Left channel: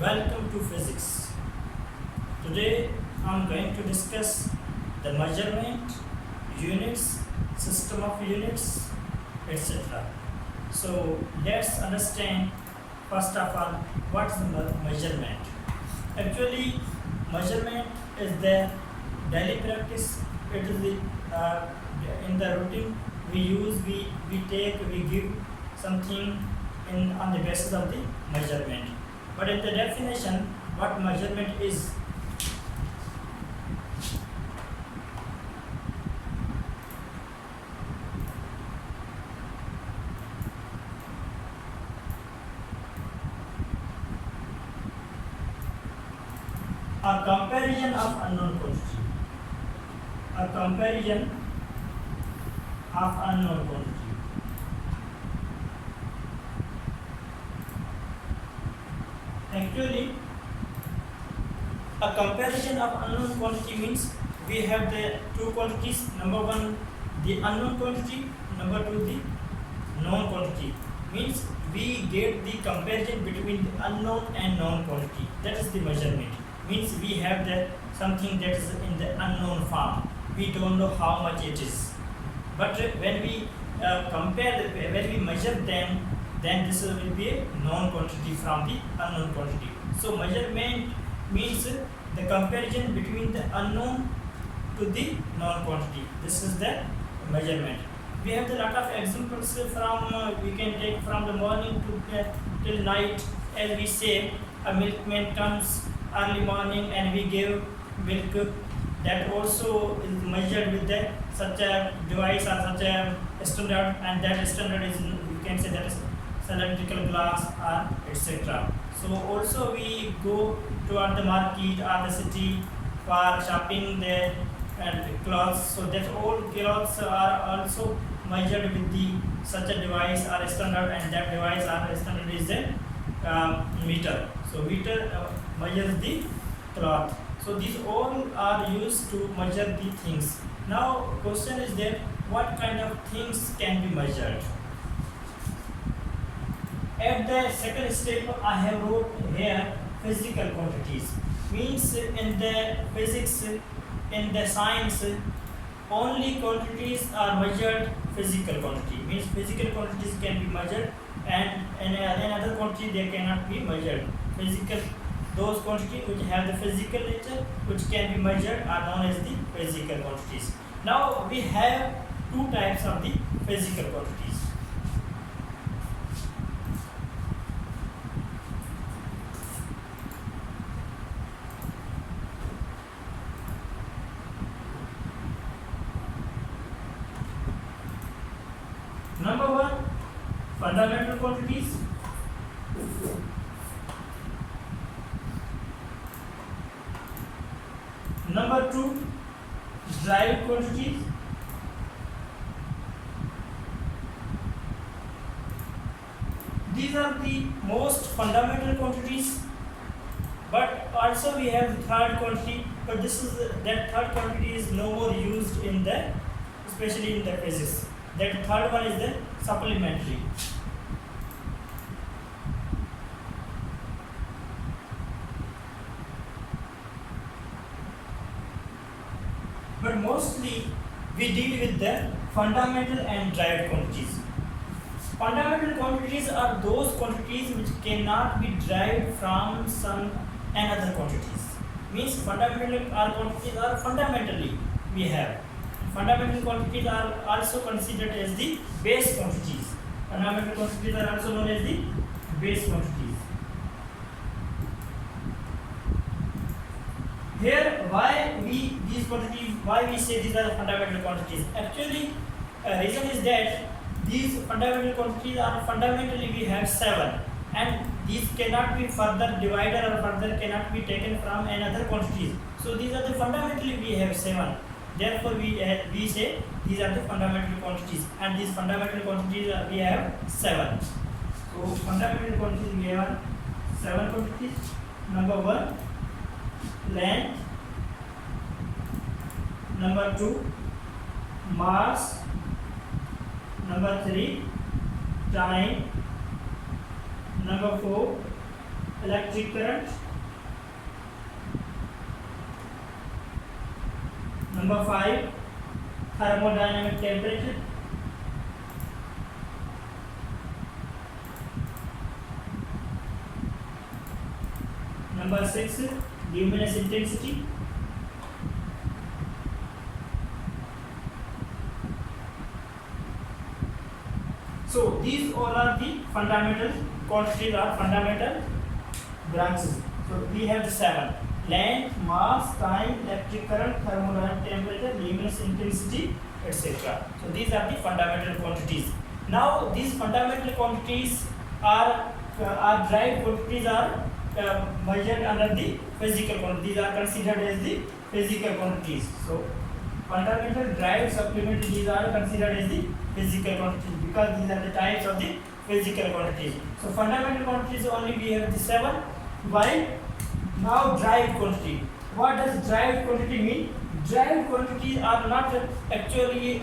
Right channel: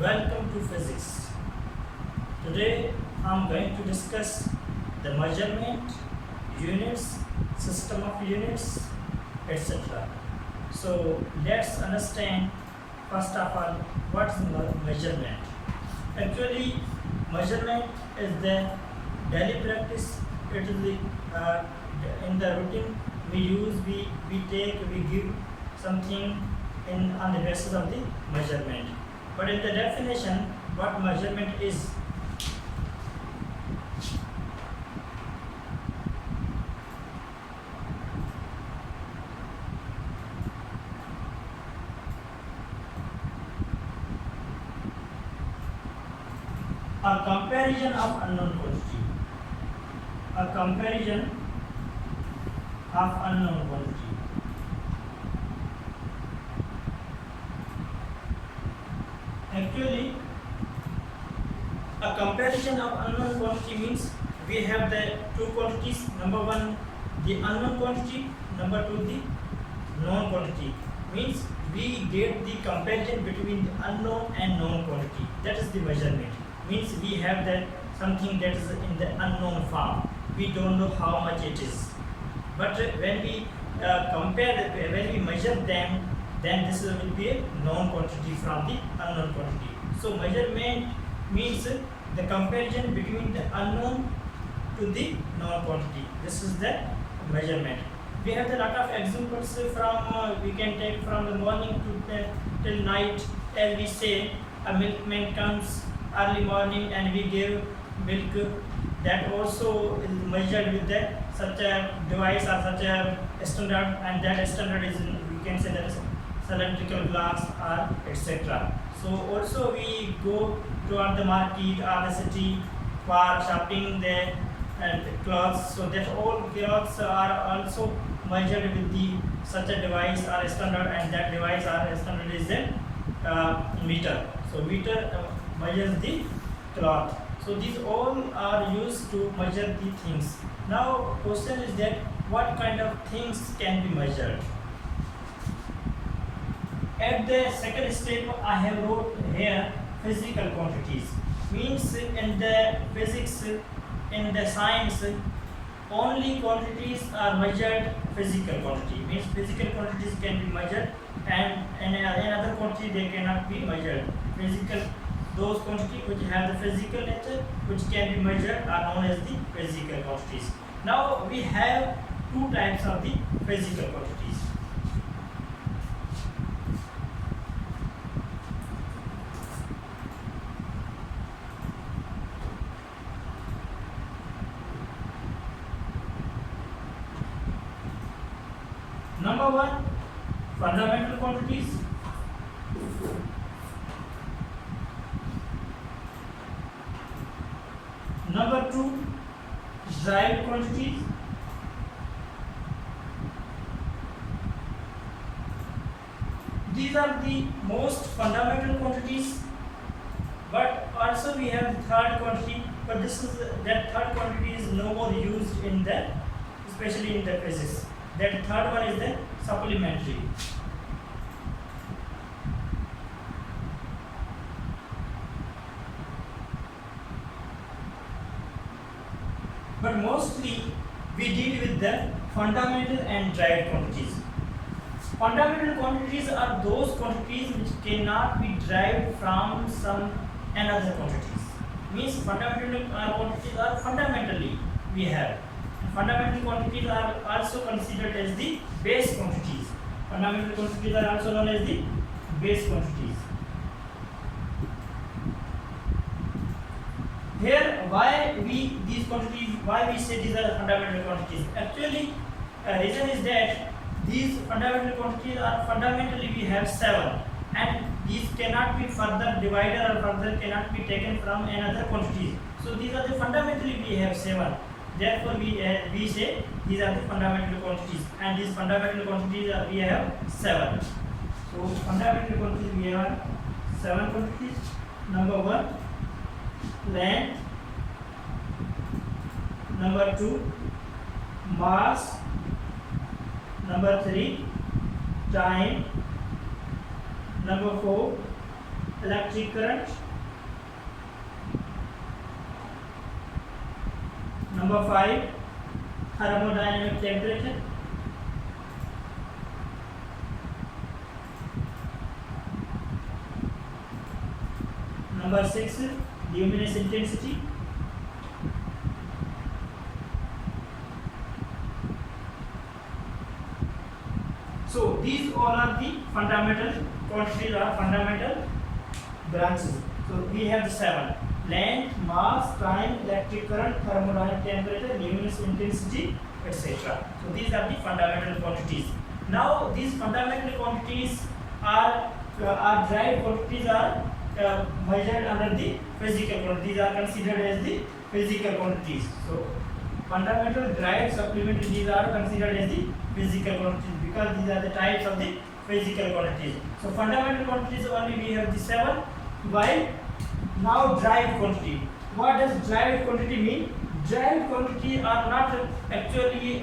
Welcome to physics. Today I'm going to discuss the measurement, units, system of units, etc. So let's understand first of all what's the measurement. Actually, measurement is the daily practice. It is the in the routine we use, we give something in on the basis of the measurement. But in the definition, what measurement is? A comparison of unknown quantity. A comparison of unknown quantity. Actually, a comparison of unknown quantity means we have the two quantities. Number one, the unknown quantity. Number two, the known quantity. Means we get the comparison between the unknown and known quantity. That is the measurement. Means we have the something that is in the unknown form. We don't know how much it is. But when we when we measure them, then this will be a known quantity from the unknown quantity. So measurement means the comparison between the unknown to the known quantity. This is the measurement. We have a lot of examples from we can take from the morning to till night. As we say, a milkman comes early morning and we give milk. That also is measured with the such a device or such a standard, and that standard is, we can say, that is cylindrical glass or etc. So also we go toward the market or the city for shopping the clothes. So that all clothes are also measured with the such a device or a standard, and that device or a standard is a meter. So meter measures the cloth. So these all are used to measure the things. Now question is that what kind of things can be measured? At the second step I have wrote here physical quantities. Means in the physics, in the science, only quantities are measured physical quantity. Means physical quantities can be measured, and in another quantity they cannot be measured. Physical, those quantities which have the physical nature, which can be measured, are known as the physical quantities. Now we have two types of the physical quantities. Number one, fundamental quantities. Number two, derived quantities. These are the most fundamental quantities, but also we have the third quantity, but this is that third quantity is no more used in the, especially in the physics. That third one is the supplementary. But mostly we deal with the fundamental and derived quantities. Fundamental quantities are those quantities which cannot be derived from some another quantities. Means fundamental quantities are fundamentally we have. Fundamental quantities are also considered as the base quantities. Fundamental quantities are also known as the base quantities. Here, why we say these are fundamental quantities? Actually, reason is that these fundamental quantities are fundamentally we have 7, and these cannot be further divided or further cannot be taken from another quantities. So these are the fundamentally we have 7. Therefore, we say these are the fundamental quantities, and these fundamental quantities we have 7. So fundamental quantities we have 7 quantities. Number 1, length. Number 2, mass. Number 3, time. Number 4, electric current. Number 5, thermodynamic temperature. Number 6, luminous intensity. So these all are the fundamental quantities or fundamental branches. So we have the 7: length, mass, time, electric current, thermodynamic temperature, luminous intensity, etc. So these are the fundamental quantities. Now these fundamental quantities are derived quantities are measured under the physical quantities. These are considered as the physical quantities. So fundamental, derived, supplementary, these are considered as the physical quantities because these are the types of the physical quantities. So fundamental quantities only we have the 7. While now derived quantity. What does derived quantity mean? Derived quantities are not actually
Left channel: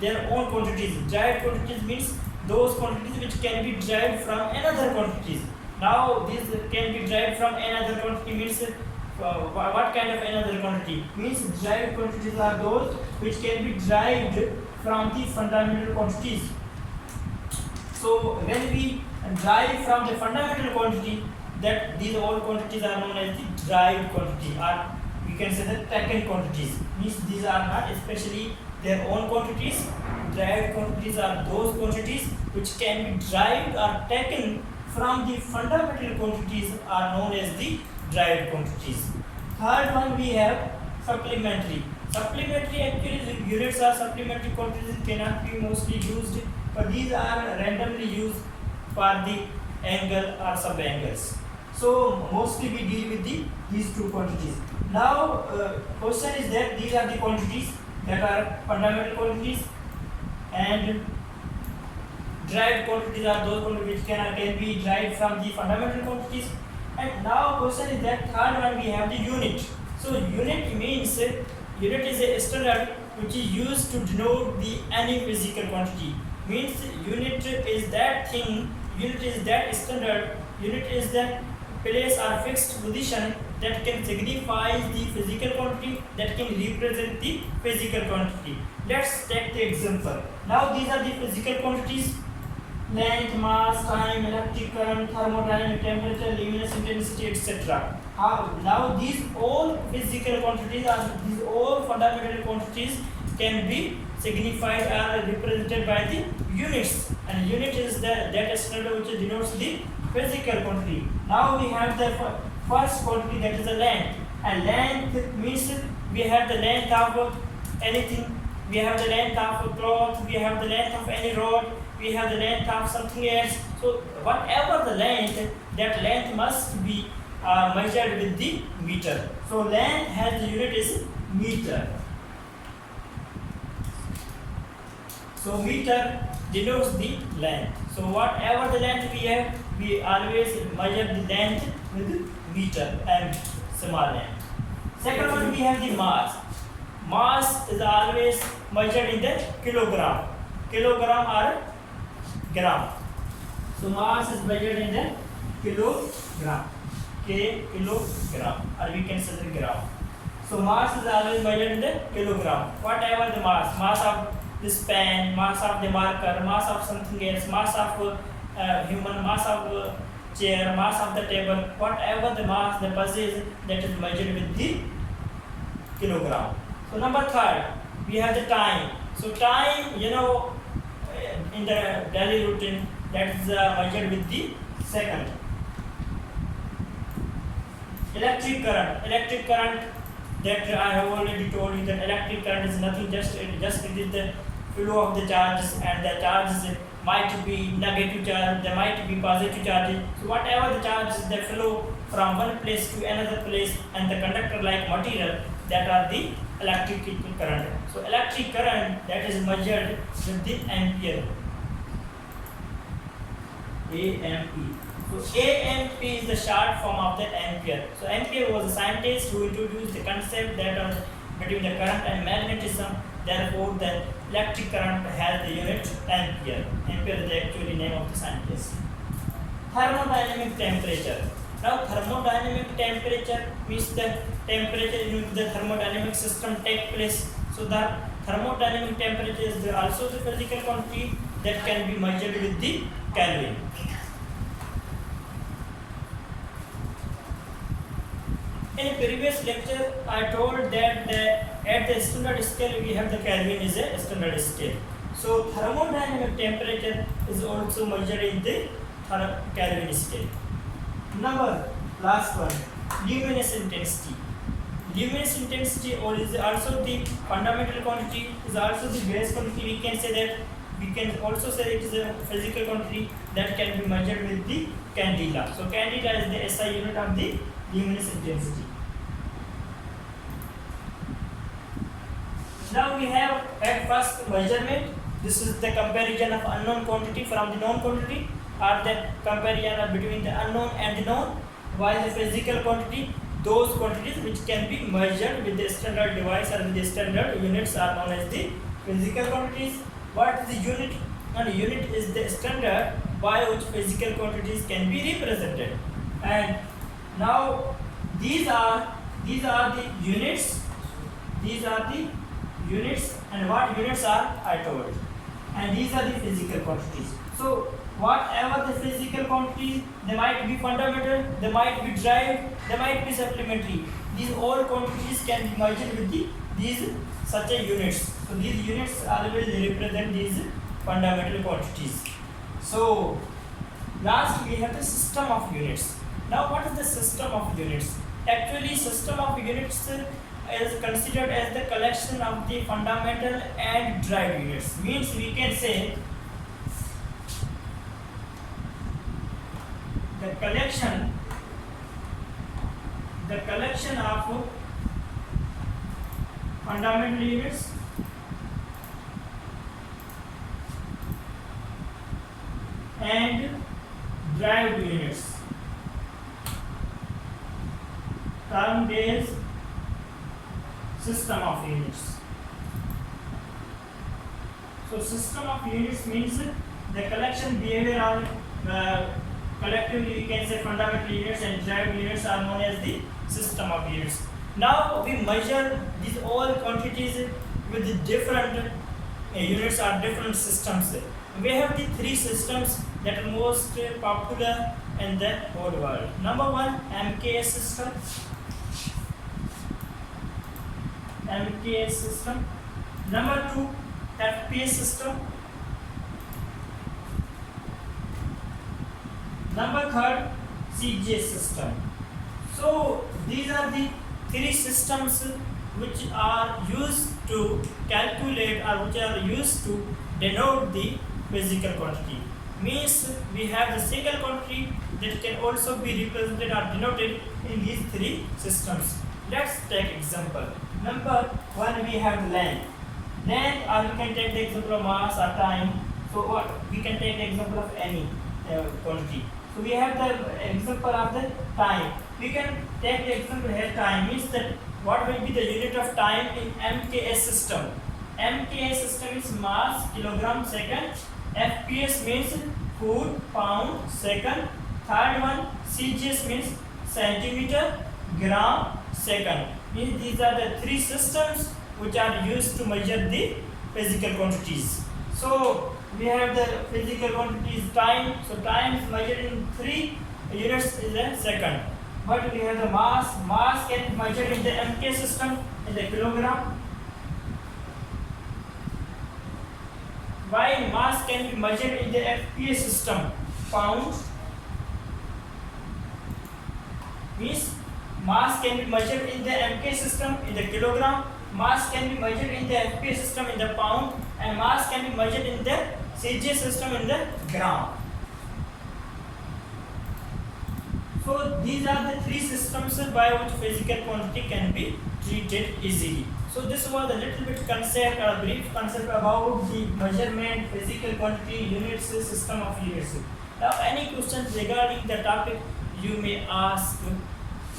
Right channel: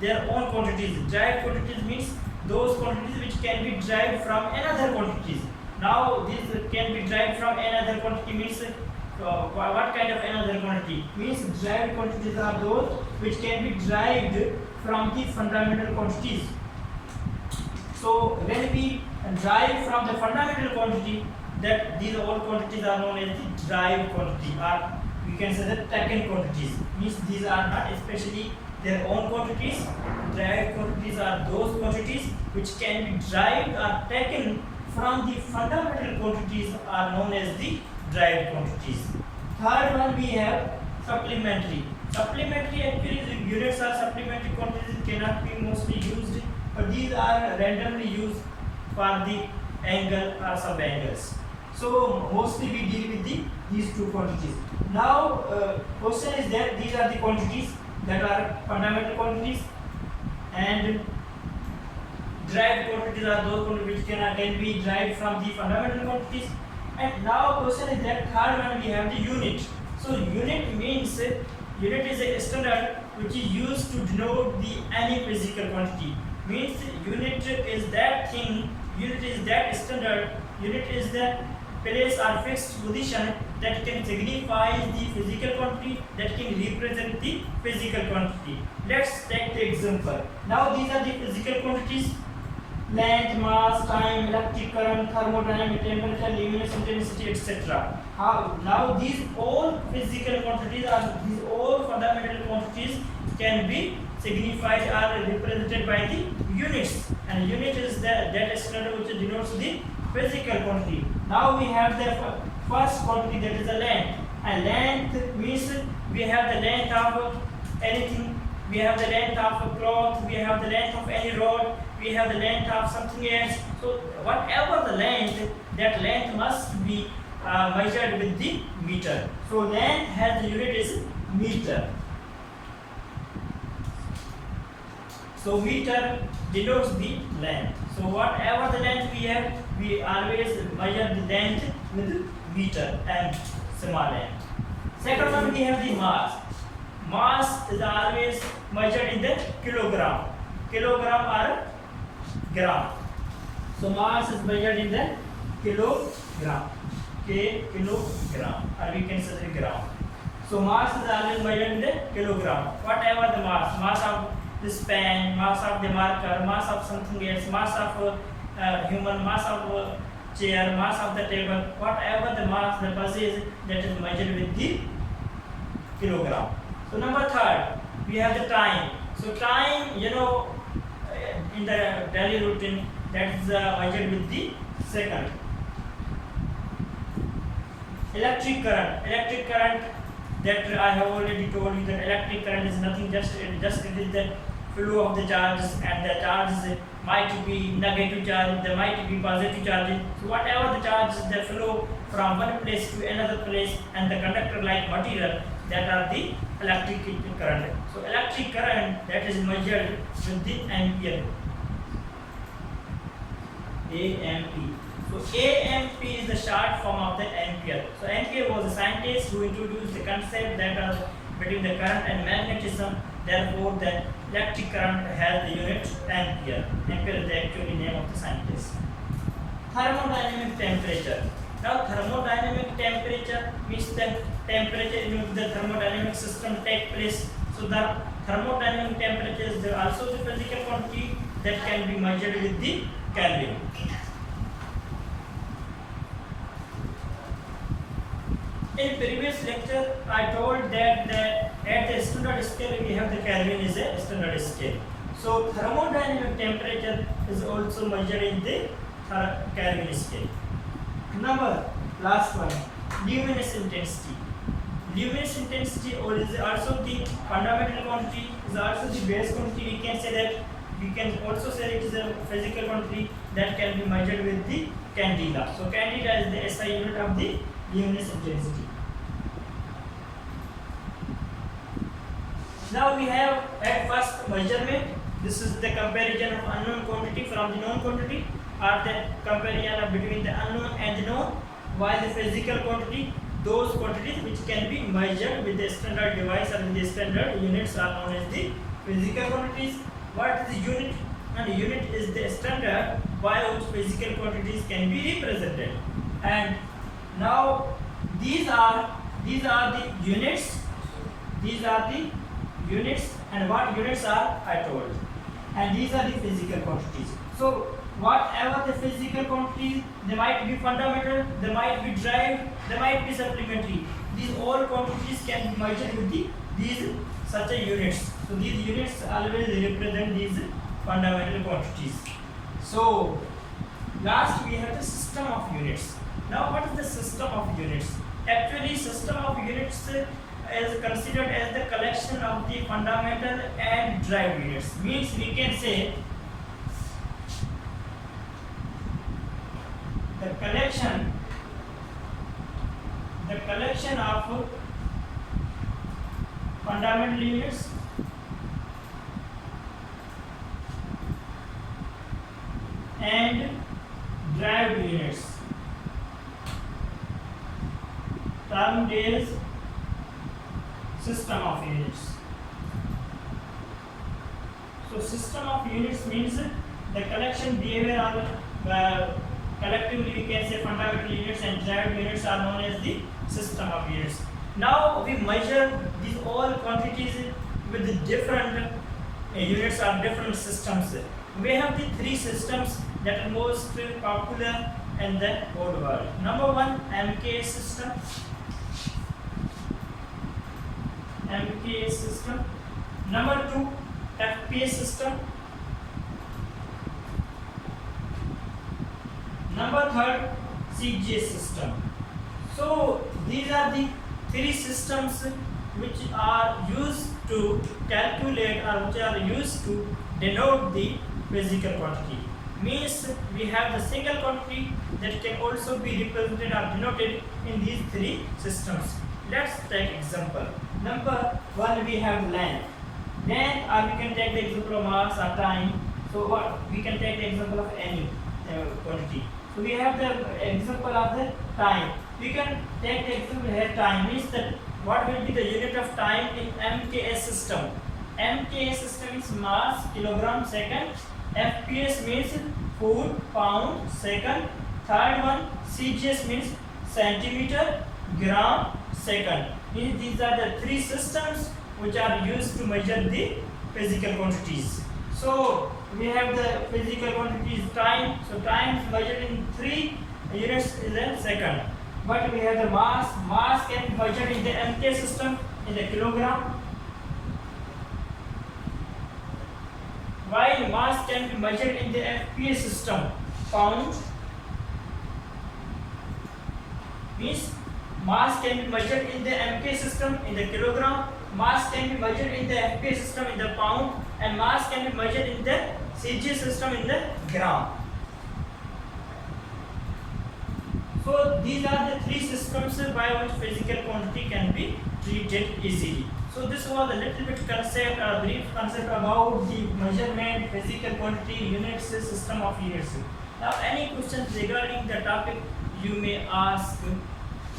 their own quantities. Derived quantities means those quantities which can be derived from another quantities. Now this can be derived from another quantity means what kind of another quantity? Means derived quantities are those which can be derived from the fundamental quantities. So when we derive from the fundamental quantity, that these all quantities are known as the derived quantity, or we can say the taken quantities. Means these are not especially their own quantities. Derived quantities are those quantities which can be derived or taken from the fundamental quantities are known as the derived quantities. Third one we have supplementary. Supplementary actually the units are supplementary quantities cannot be mostly used, but these are randomly used for the angle or sub-angles. So mostly we deal with these two quantities. Now question is that these are the quantities that are fundamental quantities, and derived quantities are those quantities which can be derived from the fundamental quantities. And now question is that third one we have the unit. So unit means unit is a standard which is used to denote the any physical quantity. Means unit is that thing, unit is that standard, unit is that place or fixed position that can signify the physical quantity, that can represent the physical quantity. Let's take the example. Now these are the physical quantities: length, mass, time, electric current, thermodynamic temperature, luminous intensity, etc. Now these all physical quantities are these all fundamental quantities can be signified or represented by the units, and unit is that standard which denotes the physical quantity. Now we have the first quantity, that is the length, and length means we have the length of anything, we have the length of a cloth, we have the length of any rod, we have the length of something else. So whatever the length, that length must be measured with the meter. So length has the unit is meter. So meter denotes the length. So whatever the length we have, we always measure the length with meter and small m. Second one we have the mass. Mass is always measured in the kilogram. Kilogram or gram. So mass is measured in the kilogram. Kilogram, or we can say the gram. So mass is always measured in the kilogram. Whatever the mass of this pen, mass of the marker, mass of something else, mass of human, mass of chair, mass of the table, whatever the mass, the pulses, that is measured with the kilogram. So number third, we have the time. So time, in the daily routine, that is measured with the second. Electric current, that I have already told you that electric current is nothing, just it is the flow of the charges, and the charges might be negative charge, there might be positive charges. So whatever the charges, they flow from one place to another place, and the conductor like material, that are the electric current. So electric current, that is measured with the ampere. AMP. So AMP is the short form of the ampere. So ampere was a scientist who introduced the concept that between the current and magnetism. Therefore, the electric current has the unit ampere. Ampere is the actual name of the scientist. Thermodynamic temperature. Now thermodynamic temperature means the temperature in which the thermodynamic system take place. So the thermodynamic temperature is also the physical quantity that can be measured with the Kelvin. In previous lecture, I told that at the standard scale we have the Kelvin is a standard scale. So thermodynamic temperature is also measured in the Kelvin scale. Number last one, luminous intensity. Luminous intensity is also the fundamental quantity, is also the base quantity. We can say that, we can also say it is a physical quantity that can be measured with the candela. So candela is the SI unit of the luminous intensity. Now we have at first measurement. This is the comparison of unknown quantity from the known quantity, or the comparison of between the unknown and the known. While the physical quantity, those quantities which can be measured with the standard device or with the standard units are known as the physical quantities. What is the unit? And unit is the standard by which physical quantities can be represented. And now these are the units. These are the units, and what units are I told. And these are the physical quantities. So whatever the physical quantities, they might be fundamental, they might be derived, they might be supplementary. These all quantities can be measured with these such a units. So these units always represent these fundamental quantities. So last we have the system of units. Now what is the system of units? Actually, system of units is considered as the collection of the fundamental and derived units. Means we can say the collection of fundamental units and derived units termed as system of units. So system of units means the collection behavior or collectively we can say fundamental units and derived units are known as the system of units. Now we measure these all quantities with the different units or different systems. We have the three systems that are most popular in the whole world. Number one, MKS system. MKS system. Number two, FPS system. Number third, CGS system. So these are the three systems which are used to calculate or which are used to denote the physical quantity. Means we have the single quantity that can also be represented or denoted in these three systems. Let's take example. Number one, we have length. Then or we can take the example of mass or time. So what we can take the example of any quantity. So we have the example of the time. We can take the example here time means that what will be the unit of time in MKS system. MKS system is mass, kilogram, second. FPS means foot, pound, second. Third one, CGS means centimeter, gram, second. Means these are the three systems which are used to measure the physical quantities. So we have the physical quantities time. So time is measured in 3 units in a second. But we have the mass. Mass can be measured in the MK system in the kilogram. While mass can be measured in the FPS system, pound. Means mass can be measured in the MK system in the kilogram. Mass can be measured in the FPS system in the pound, and mass can be measured in the CG system in the gram. So these are the three systems by which physical quantity can be treated easily. So this was a little bit concept, a brief concept about the measurement, physical quantity, units, system of units. Now any questions regarding the topic you may ask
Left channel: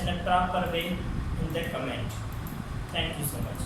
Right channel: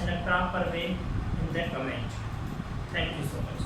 in a proper way in the comment. Thank you so much.